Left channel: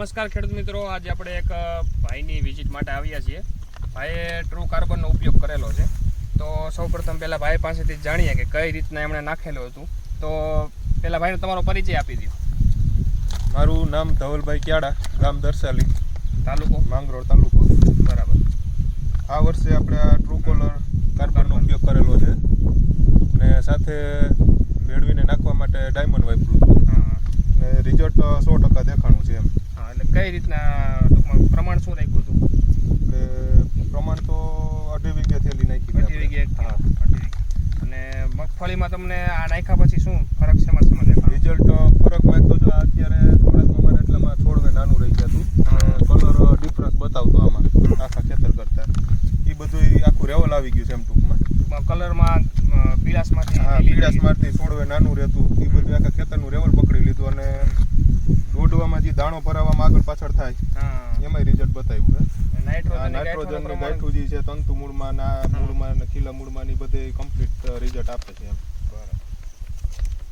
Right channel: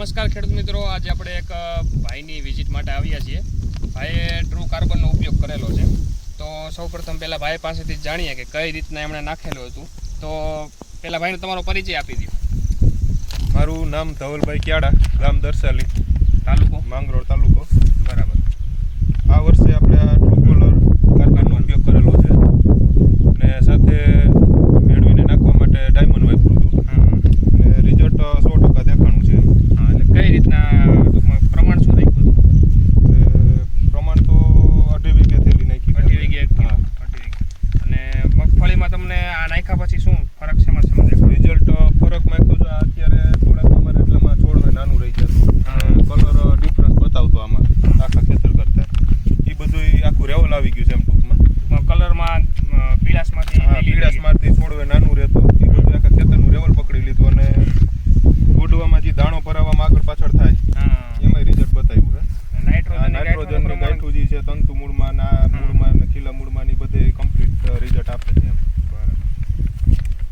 નમસ્કાર ખેડૂત મિત્રો. આજે આપણે એક ભાઈની વિઝિટ માટે આવ્યા છીએ. ભાઈએ ટ્રુ કાર્બનનો ઉપયોગ કરેલો છે. તો સૌપ્રથમ પહેલાં ભાઈ પાસેથી જ જાણીએ કે કઈ રીતના એમણે નાખેલું હતું. તો પહેલાં ભાઈને તમારો પરિચય આપી દો મારું નામ ધવલભાઈ ક્યાડા ગામ દર્શાલી તાલુકો? માંગરોળ તાલુકો. બરાબર. આ વર્ષે આપણે આ ટ્રુકોલર કાર્બનનો ઉપયોગ કરેલો છે. ને સાથે મેળવીને નાખવા માટે ડાયમંડ વાપર્યું હતું. અને રિઝલ્ટ સો ટકા દેખાણું છે એમ હા એટલે કઈ રીતના ટૂંકમાં પ્રમાણ શું રાખ્યું હતું? પ્રમાણ તો અઢી વીઘે થેલી નાખી અઢી વીઘે એક હા. અઢી વીઘે. અને મગફળીમાં તમને આ નાખ્યા પછી શું ફરક શેમાં શેમાં દેખાડો? રિઝલ્ટ ફરકમાં એક તો જો અત્યારે થોડાક અમારે એટલામાં છોડવે નાનું રહી જતું. કલર ડિફરન્સ બતાવતો આમાં આખા ખેતર કરતા. એ બધું આખું રેવલ આવી ગયું છે એમ ટૂંકમાં. કલરમાં પીળાશમાંથી હા લીલી પીળાશ મારતી છોડવે નાનું રહેતું. એ બધું આખા ખેતરનું રેવલ પકડી લીધું અને રોડવામાં જે દાણો ભરાવામાં આગળ પાછળ થાય. એમાં એમાંય રિઝલ્ટ બતાવ્યું છે. નાઇટ્રોજન ગાંઠું જે છે તંતુ મૂળમાં ના મૂળમાં ને ખીલા મૂળમાં ની બધે કમ્પ્લીટ રિઝલ્ટ આપે છે એમ.